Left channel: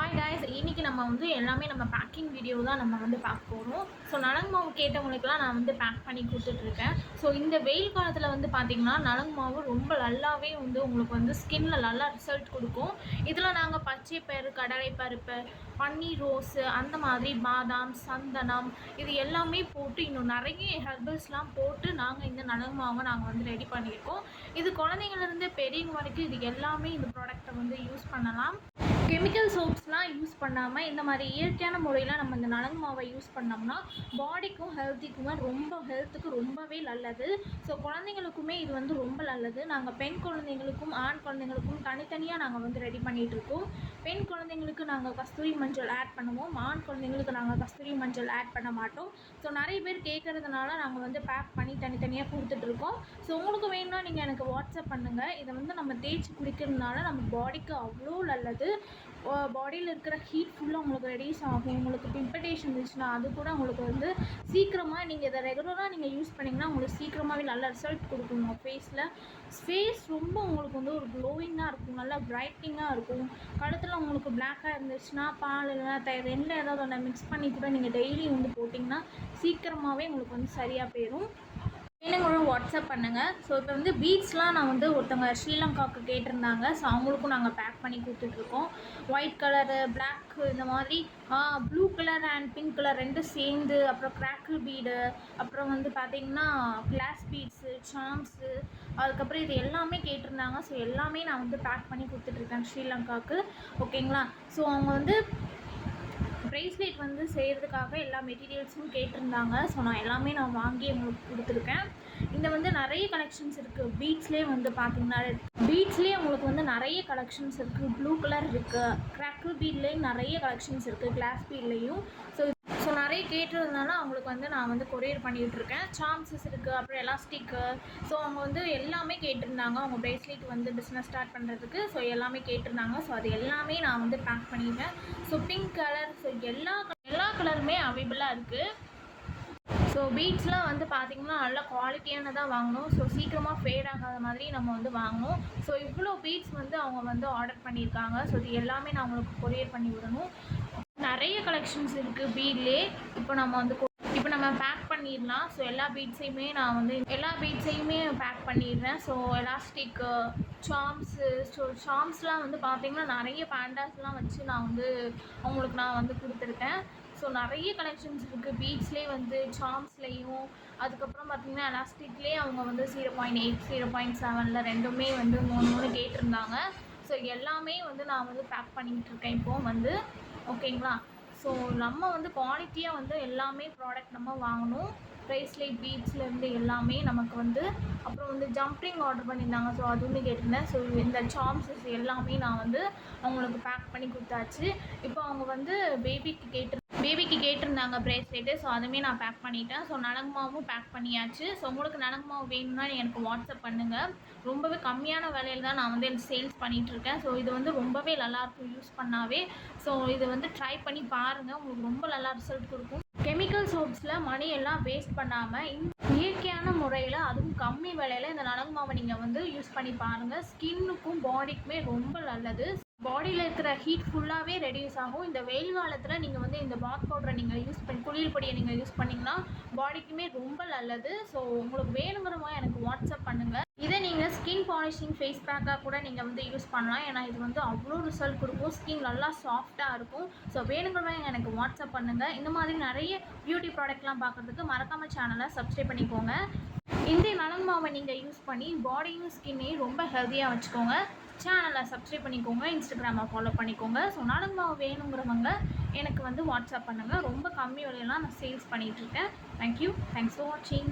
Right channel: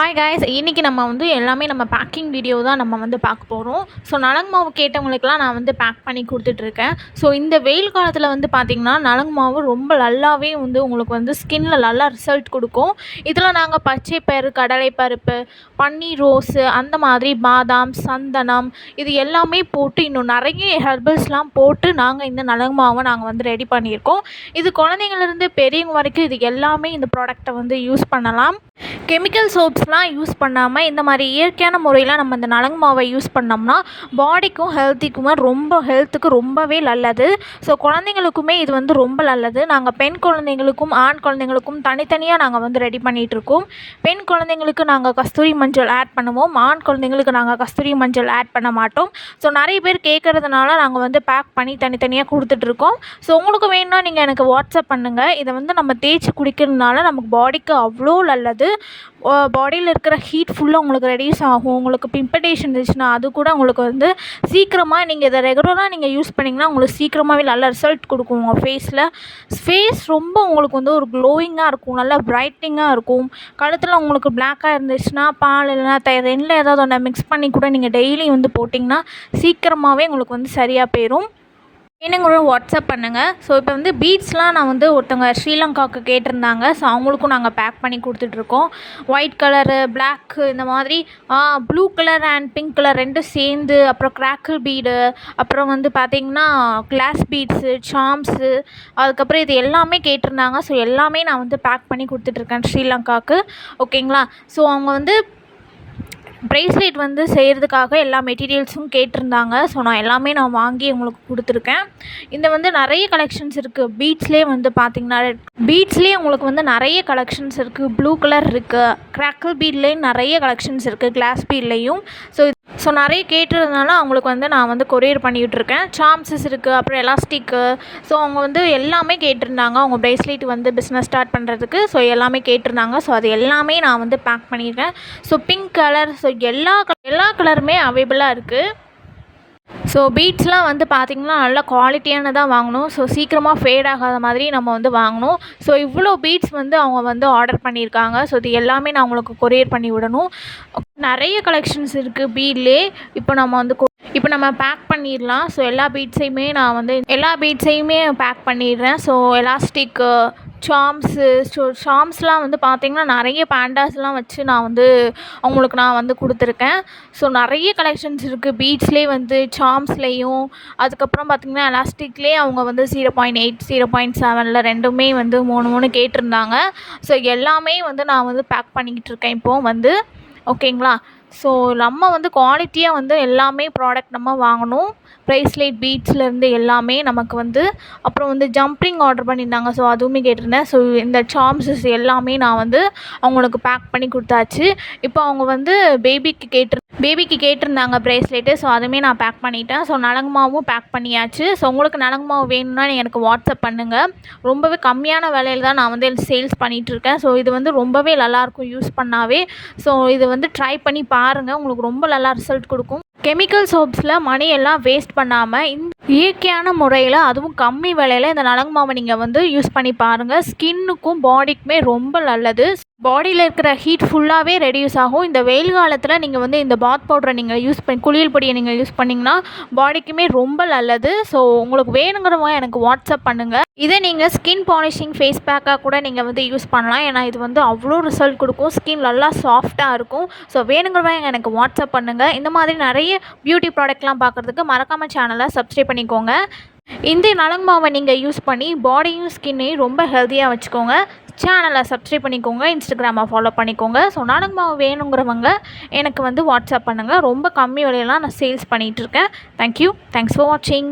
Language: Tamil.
ஹாய் காய்ஸ், இன்றைக்கி நம்ம எல்லாமே நம்ம பேக்கிங் வீடியோ தான் நம்ம பார்க்க போகிறோம். ஸோ நலங்கு மாவு கேட்டவங்களுக்கெல்லாம் நான் பேக் பண்ணி கொடுத்துட்ருக்கேன். ஸோ இந்த வெயில் காலத்தில் பார்த்திங்கன்னா நலங்கு மாவு ரொம்ப நல்லாவே உங்களுக்கு ஸ்கின்ல நல்லா ரிசல்ட் கொடுக்கும். இதில் நாங்கள் பச்சை பயிறு, கடலை பருப்பு, பன்னீர் ரோஸு, அந்த மாதிரி பாதாம், சந்தனம், இது எல்லாமே போட்டு இன்னும் நிறைய ஹெர்பல்ஸ்லாம் போட்டு நாங்கள் இந்த நலங்கு மாவை நாங்கள் ரெடி பண்ணியிருக்கோம். இது குழந்தைங்கள்லேருந்து பெரியவங்க வரைக்கும் இது எல்லாமே இந்த ப்ராடக்டை யூஸ் பண்ணலாம். கெமிக்கல் சோப்ஸ்லாம் யூஸ் பண்ணாமல் இந்த மாதிரி இயற்கையான முறையில் நம்ம இந்த நலங்கு மாவை யூஸ் பண்ணோம்னா பாடிக்கும் ஹெல்த்துக்கு ரொம்பவே நல்லது. ஸோ குழந்தைங்களுக்குமே இது ரொம்ப நல்லது. நாங்கள் பெண் குழந்தைங்களுக்கும் ஆண் குழந்தைங்களுக்கும் தனித்தனியாக நாங்கள் ரெடி பண்ணிகிட்ருக்கோம். பெண் குழந்தைங்களுக்கு நாங்கள் கஸ்தூரி மஞ்சள் ஆட் பண்ணுவோம், ஆண் குழந்தைங்களுக்கு நாங்கள் கஸ்தூரி மஞ்சள் ஆட் பண்ண மாட்டோம். ஸோ நிறைய பேர் கேட்குறதுனால நாங்கள் பேக் பண்ணி தனித்தனியாக கொடுத்துட்ருக்கோம். ஸோ உங்களுக்கு வேணும்னா நீங்கள் எனக்கு வாட்ஸ்அப் பண்ணுங்கள். இதை நம்ம தேய்ச்சி குடிக்கிறதுனால நமக்கு பாடிக்கு அவ்வளோ நல்லது. பாடியில் இருக்கிற ஹீட் ஃபுல்லாக உங்களுக்கு ரெடியூஸ் ஆகும். உங்களுக்கு பிம்படேஷன் இருந்துச்சுன்னா அது கூட உங்களுக்கு சீக்கிரமாக நீங்கள் இதை ரெகுலராக நீங்கள் யூஸ் பண்ணிங்கன்னா உங்களுக்கு சீக்கிரமாகவே நல்ல ரிசல்ட் கொடுக்கும். உங்கள் ஃபேஸ் ரொம்ப உங்களுக்கு ஒரு க்ளோயிங்காக இருக்கும், நல்லா பிரைட்னிங்காக இருக்கும். கழுத்தில் உங்களுக்கு பிளாக்காக இருந்துச்சுன்னா பால் இல்லைனா தயிர் ரெண்டில் ஏதாவது ஒன்று மிக்ஸ் பண்ணி கூட நீங்கள் டெய்லி போட்டிங்கன்னா சீக்கிரமாகவே உங்களுக்கு சரியாக போயிடும். வேணுங்கிற வாட்ஸ்அப் பண்ணுங்கள். ஸோ இப்போ பீட்ஸ்லாம் நான் ஒருத்தவங்க ஸ்ரீலங்காவுக்கு கேட்டிருந்தாங்க. ஸோ அவங்களுக்கும் நாங்கள் பேக் பண்ணி கொடுத்துட்ருக்கோம். ஒயிட் கலரு, பிளாக்கு, இந்த மாதிரி blue colour and pink colour ரெண்டும் சேர்ந்து, அப்புறம் கிராக்கிள் பீடு, அப்புறம் பார்த்திங்கன்னா கிளாஸ் பீட்ஸு, சாம்ஸு, அதுக்கப்புறம் இது எல்லாமே கேட்டிருந்தாங்க. ஸோ எல்லாமே நான் பேக் பண்ணி கொடுத்துட்ருக்கேன் ஸ்ரீலங்காவுக்கு. ஓகேங்களா? ஸோ அவங்க ப்ரேஸ்லெட் செய்கிறதுக்காக எல்லா மெட்டீரியல்ஸும் கேட்டிருந்தாங்க. ஸோ நான் வாங்கி உங்களுக்கு கொடுத்துருக்கேன். இந்த நிறைய கலெக்ஷன்ஸ் இருக்குது. பீட்ஸ்லேயே பார்த்திங்கன்னா பீட்ஸ்லேயே உங்களுக்கு நிறைய கலெக்ஷன்ஸ் இருக்குது. ப்ளூ கலர் இருக்குது, கிராக்கிள் பீட்லேயும் நிறைய கலெக்ஷன்ஸ் இருக்குது, கிளாஸ் பீட்லேயும். ஸோ நிறைய கேட்டுறதுனால அவங்களுக்கு நான் கொரியர் பண்ணிகிட்ருக்கேன். சாம்ஸஸ் இருக்குது, அப்புறம் எலாஸ்டிக்கு. ஸோ அவங்க எல்லாமே கேட்டிருந்தாங்க. அவங்க ப்ரேஸ்லெட் பிஸ்னஸ் ஸ்டார்ட் பண்ணுறதுக்கு. ஸோ எல்லாமே கேட்டிருந்தாங்க. ஸோ அது எல்லாமே நான் பேக் பண்ணியிருக்கேன். ஸோ பிங்க் கலர், ஸோ எல்லா கலருமே அவைலபிளாக இருக்குது. ஸோ பீட்ஸ்லாம் பார்த்திங்கன்னா நல்லா குவாலிட்டியானதாக வாங்கணும். ஸோ சீக்கிரமாக ஃபேட் ஆகாத மாதிரி நம்ம வாங்கணும். ஸோ இவ்வளோ பீட்ஸ் அவங்க ஆர்டர் பண்ணியிருக்காங்க. ஸோ இது எல்லாமே நான் உங்களுக்கு கொரியர் பண்ணி விடணும். நிறைய கலெக்ஷன்ஸ் இருக்குது பீட்லே. இப்போ நம்ம பேக் பண்ணிடலாம். ஸோ எல்லா பீட்ஸையுமே பேக் பண்ணிடுறேன். So elastic, Sams. ஸோ சாம்ஸ்லாம் பார்த்திங்கன்னா நிறைய பேண்டாஸ்லாம் வச்சு நான் அவங்களுக்கு கொடுத்துருக்கேன். ஸோ நிறைய கலெக்ஷன்ஸ் இருக்குது பீட்ஸ்லேயே, சாம்ஸ்லேயும். அதுக்கப்புறம் பார்த்திங்கன்னா எலாஸ்டிக்லேயே அவங்க 0.8, 0.7 ரெண்டுமே 3 கேட்டிருந்தாங்க. ஸோ எல்லாமே நான் பேக் பண்ணிக்கிட்டு இருக்கேன் இப்போது ஓகேங்களா? ஸோ நம்ம குவாலிட்டியாக எல்லாமே ப்ராடக்ட் நம்ம வாங்கணும். ப்ரைஸ்லைட் பீட்ஸ்லேருந்து எல்லாமே நமக்கு அப்புறம் ஜம்பிங் ஆர்டர் பண்ணியிருந்தாங்க. ஸோ அதுவுமே கேட்டிருந்தேன். ஸோ இந்த சாம்ஸஸ் எல்லாமே நான் அவங்களுக்கு பேக் பண்ணி கொடுத்தாச்சு. இப்போ அவங்க பேபிக்கு கேட்டிருந்தாங்க ப்ரேஸ்லெட்டு. ஸோ அதுவுமே நான் பேக் பண்ணிட்டேன். ஸோ நலங்கு மாவும் பேக் பண்ணியாச்சு. ஸோ உங்களுக்கு நலங்கு மாவு வேணும்னா நீங்கள் எனக்கு வாட்ஸ்அப் பண்ணுங்கள். ரொம்பவே கம்மியான விலையில் தான் நான் சேல்ஸ் பண்ணிகிட்ருக்கேன். ஸோ இது ரொம்பவே நல்லாயிருக்கும் யூஸ் பண்ணாவே. ஸோ இது ட்ரை பண்ணி பாருங்கள், உங்களுக்கு ரொம்ப நல்லா ரிசல்ட் கொடுக்கும். கெமிக்கல் சோப்ஸில் மணியெல்லாம் வேஸ்ட் பண்ணாமல் இயற்கையான முறையில், அதுவும் கம்மி விலையில் இந்த நலங்கு மாவை நீங்கள் யூஸ் பண்ணி பாருங்கள். ஸ்கின்னுக்கும் பாடிக்குமே ரொம்ப நல்லது. பாடியில் இருக்கிற ஹீட் ஃபுல்லாகவே ரெடியூஸ் ஆகும். இந்த வெயில் காலத்தில் நீங்கள் இந்த பாத் பவுடரை நீங்கள் யூஸ் பண்ணி, குளியல் பொடியை நீங்கள் யூஸ் பண்ணிங்கன்னா பாடிக்குமே ரொம்ப நல்லது. ஸோ உங்களுக்கு வேணுங்கிறவங்க எனக்கு வாட்ஸ்அப் பண்ணுங்கள். இதை நீங்கள் ஸ்கின் பாலிஷிங் ஃபேஸ் பேக்காக கூட நீங்கள் யூஸ் பண்ணலாம். ஏன்னா இது அவ்வளோ ரிசல்ட் கொடுக்கும். ஸ்கின் நல்லா சாஃப்டாக இருக்கும். ஸோ வேணுங்கிறவங்க எனக்கு வாட்ஸ்அப் பண்ணுங்கள். இந்த மாதிரி நிறைய பியூட்டி ப்ராடக்ட்லாம் பார்க்குறதுக்கு மறக்காமல் சேனலை சப்ஸ்கிரைப் பண்ணிக்கோங்க. இந்த நலங்கு மாவை நீங்கள் யூஸ் பண்ணி பாடியும் ஸ்கின்னையும் ரொம்ப ஹெல்த்தியாக வச்சுக்கோங்க. சேனலை சப்ஸ்கிரைப் பண்ணிக்கோங்க, இன்ஸ்டாகிராமை ஃபாலோ பண்ணிக்கோங்க. ஸோ நலங்கு மாவு வேணுங்கிறவங்க எனக்கு வாட்ஸ்அப் பண்ணுங்கள். ரொம்ப கம்மி விலையெல்லாம் நான் சேல்ஸ் பண்ணிகிட்ருக்கேன். தேங்க்யூ. தேங்க்ஸ் ஃபார் வாட்சிங்.